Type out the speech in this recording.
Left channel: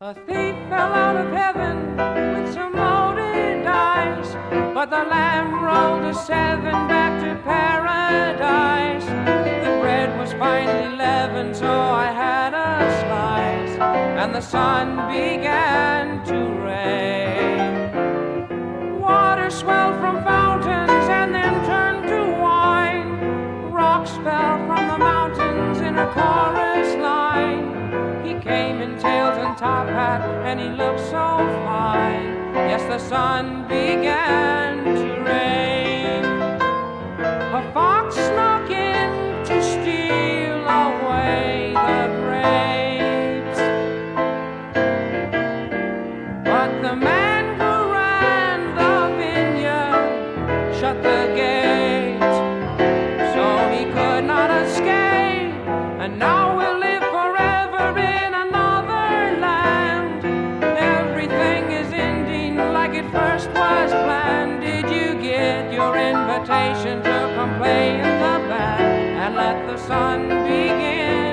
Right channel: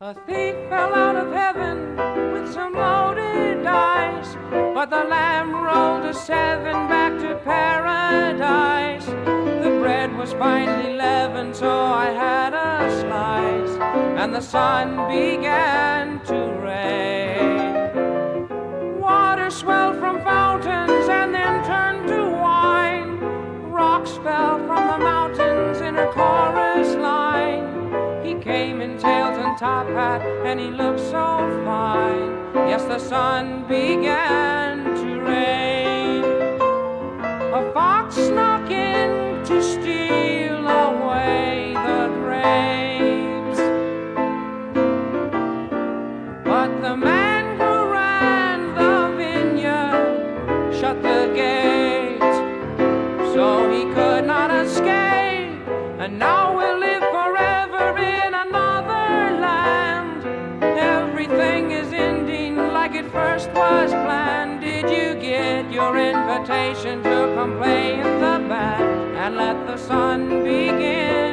A thief fell out of heaven with some loaded dice, but the lamb rolled a 7 back to paradise. The bread was finely leavened, so I had a slice, and the sun began to rain. Water swelled from fountains and then turned to wine. Rocks fell from the mountains in a chorus line. He came in tails and top hat, and he looked so fine. Yes, the sun began to rain. A fox snuck in to steal away the grapes, but the man who ran the vineyard shut the gate, so he could not escape, and now we'll live forever in another land. Everything is ending like it first was planned. Did you get your invitation to come play in the band and let the sun begin?